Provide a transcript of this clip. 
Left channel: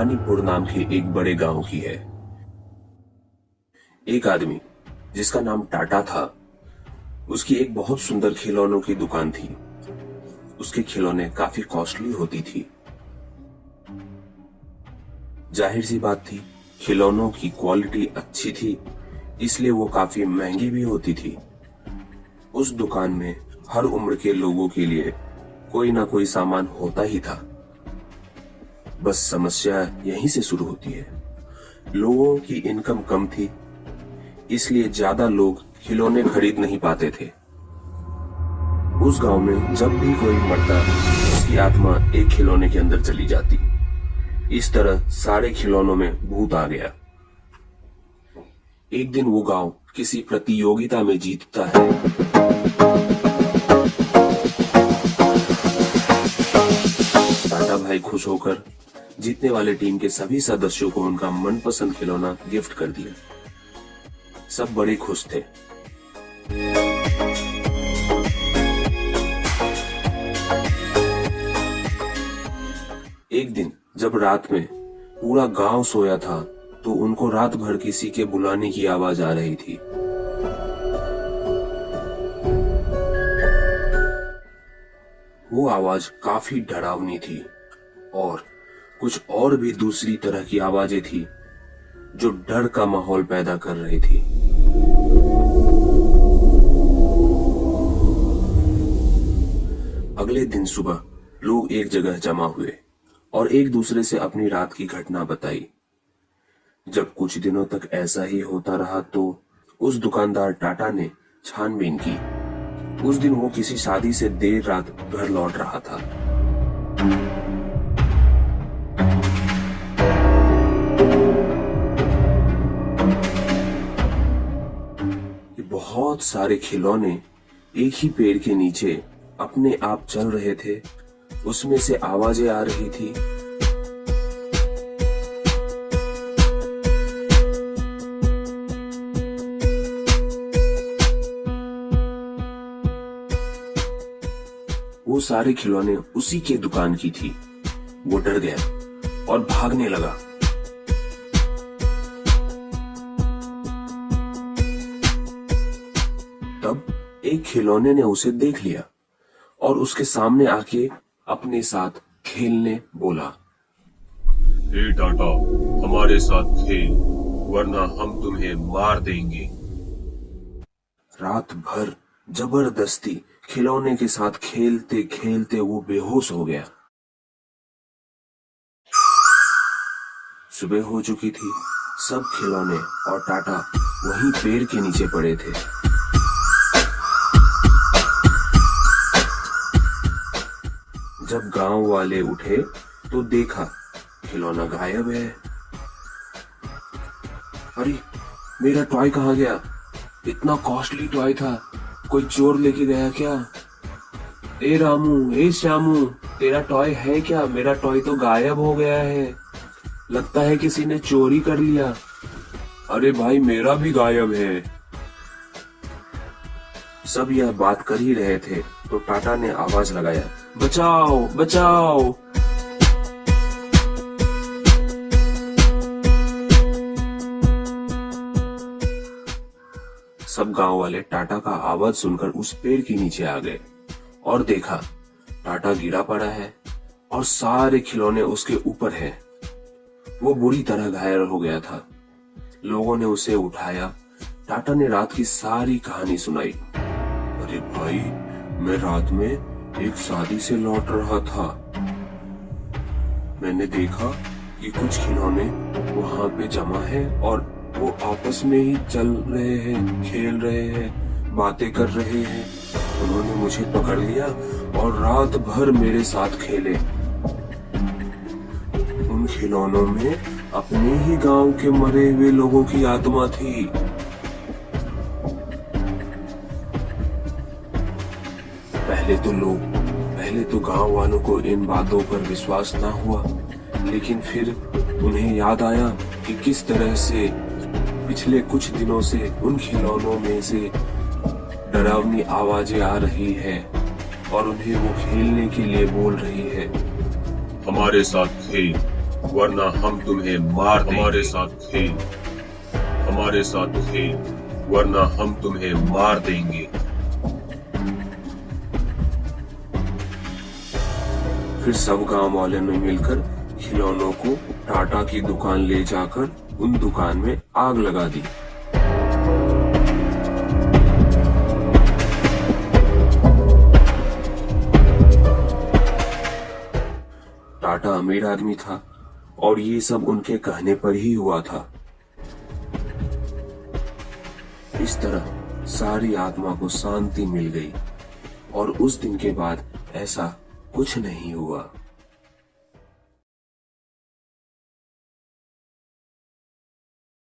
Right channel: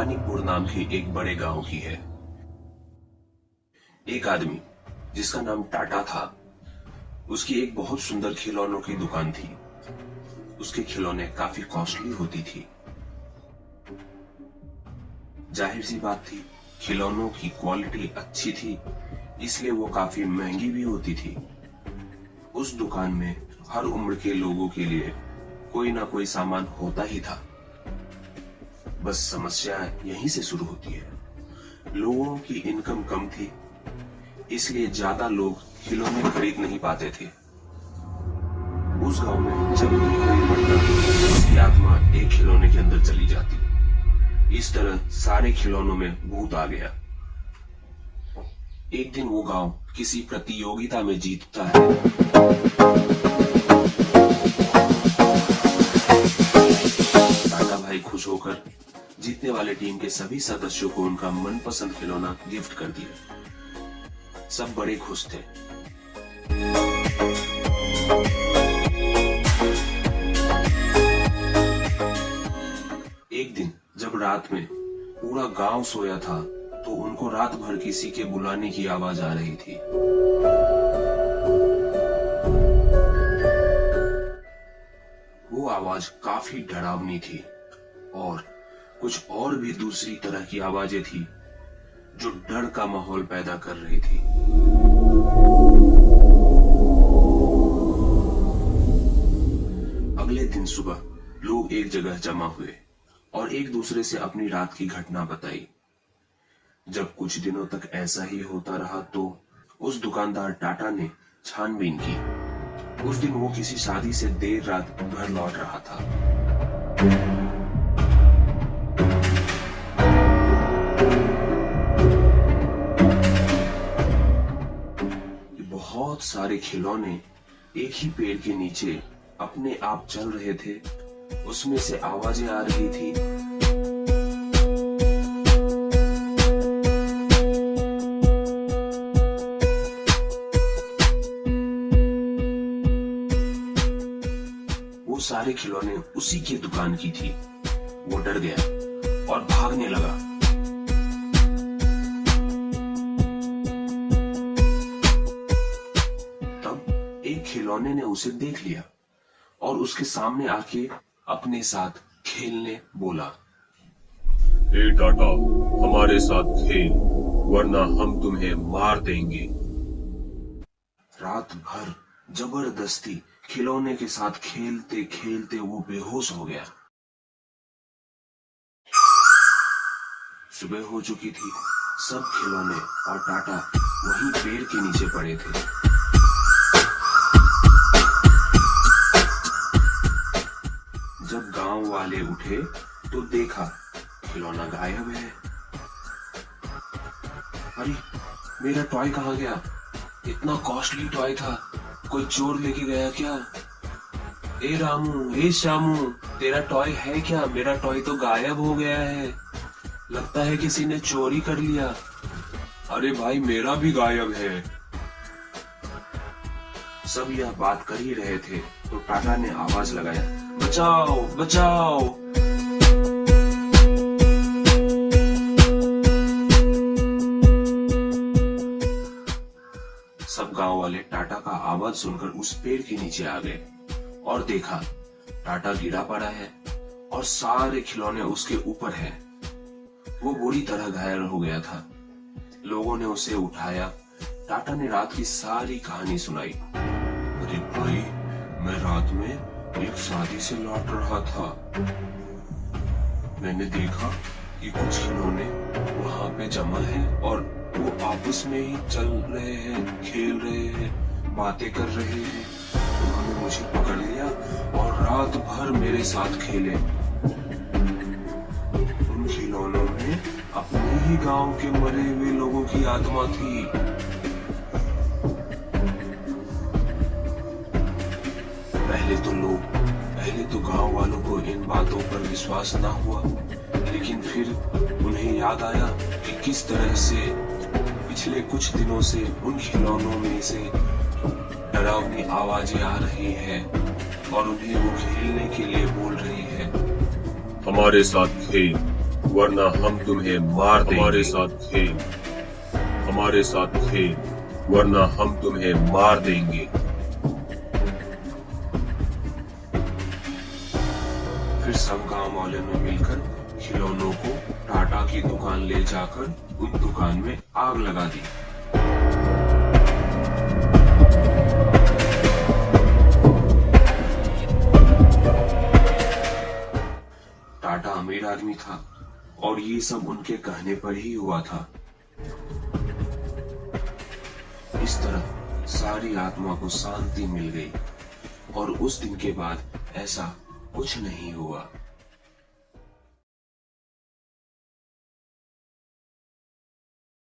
अंबानीपुर नाम के एक बड़े गांव की है। एक आदमी जिसका नाम टाटा था, उसकी एक बहुत सुंदर खिलौनों की दुकान थी। उसके खिलौने काफी कॉस्टली होती थी। जाहिर सी बात थी, खिलौनों की क्वालिटी अच्छी थी, इसलिए वो काफी महंगी भी होती थी। उस दुकान में हर उम्र के लोगों के लिए कोई ना कोई सामान होता ही था। बस समस्या यहीं से शुरू होती है। लोगों की इनकम कम थी, इसलिए ज्यादा लोग खिलौने खरीद नहीं पाते थे। उस गांव में जब भी कोई मरता, उसकी आत्मा एक खिलौने के अंदर चली जाती। इस तरह सारे खिलौनों में भूत आ गया। एक दिन वो गांव किसी प्रतियोगिता में जीतता है। टाटा भाई खुश होकर जीतने वाले टीम के सभी सदस्यों को उनका मनपसंद खिलौना गिफ्ट कर दिया। सब बड़े खुश थे। एक दिन जब रात में पूरा गांव सोया था, तो उनको रात भर किसी के बुलाने की आवाज आ रही थी। वो आवाज काफी डरावनी थी और कुछ और भी दूसरी तरह की आवाजें थी जो डर का माहौल पैदा कर रही थी। अगले दिन सुबह लोग एक जगह जमा हुए और एक दूसरे से अपनी रात की घटना बताई। जब कुछ दिनों तक ऐसा ही होता रहा, तो उस दुकानदार टाटा ने छानबीन की। उस दिन वो किसी शादी से देर रात घर लौट रहा था। बहुत सारे खिलौने एक ही पेड़ के नीचे अपने आप चल रहे थे। उसमें से आवाजें आ रही थी। वो सारे खिलौने उसी के दुकान की थी। वो डर गया और भागने लगा। एक खिलौने ने उसे देख लिया और उसके सामने आके अपने साथ खेलने बोला। हे टाटा, हमारे साथ खेल, वरना हम तुम्हें मार देंगे। रात भर जबरदस्ती खिलौने के साथ खेलते खेलते वो बेहोश हो गया। सुबह हो चुकी थी। सब खिलौने और टाटा वहीं पेड़ के नीचे पड़े थे। जब गांव वाले उठे तो देखा खिलौना गायब है। अरे, मेरा टॉय कहाँ गया? इतना कॉस्टली टॉय था, कोई चोर लेके गया क्या? ए रामू, ए श्यामू, तेरा टॉय है क्या? मेरा टॉय तो गायब हो गया है। लगता है किसी ने चोरी कर लिया। अरे भाई, मेरा भी गायब है। सब यह बात कर ही रहे थे तो टाटा ने आवाज लगाया, बचाओ बचाओ। सब गांव वाले टाटा का आवाज सुनकर उस पेड़ के नीचे आ गए और देखा टाटा गिरा पड़ा है और सारे खिलौने उसके ऊपर हैं। वो बुरी तरह घायल हो गया था। लोगों ने उसे उठाया। टाटा ने रात की सारी कहानी सुनाई। अरे भाई, मैं रात में एक शादी से लौट रहा था। मैंने देखा कि कुछ खिलौने वहां पे जमा हैं और वो आपस में ही चल रहे हैं, खेल रहे हैं, बातें कर रहे हैं। उन्होंने मुझे पकड़ लिया और रात भर मेरे साथ खेले। उन खिलौनों में अपने ही गांव के मरे हुए लोगों की आत्मा थी। पहले तो गांव वालों को इन बातों पर विश्वास ना हुआ, लेकिन फिर उन्हें याद आया कि किस तरह से पिछले कुछ दिनों से उन खिलौनों में से डरावनी आवाजें आ रही हैं और उन्हें वो खेलने के लिए बोल रही है। हमारे साथ खेल, वरना हम तुम्हें मार देंगे। हमारे साथ खेल, वरना हम तुम्हें मार देंगे। फिर सब गांव वालों ने मिलकर खिलौनों को टाटा की दुकान ले जाकर उन दुकान में आग लगा दी। टाटा अमीर आदमी था और ये सब उनके कहने पर ही हुआ था। इस तरह सारी आत्मा को शांति मिल गई और उस दिन के बाद ऐसा कुछ नहीं हुआ।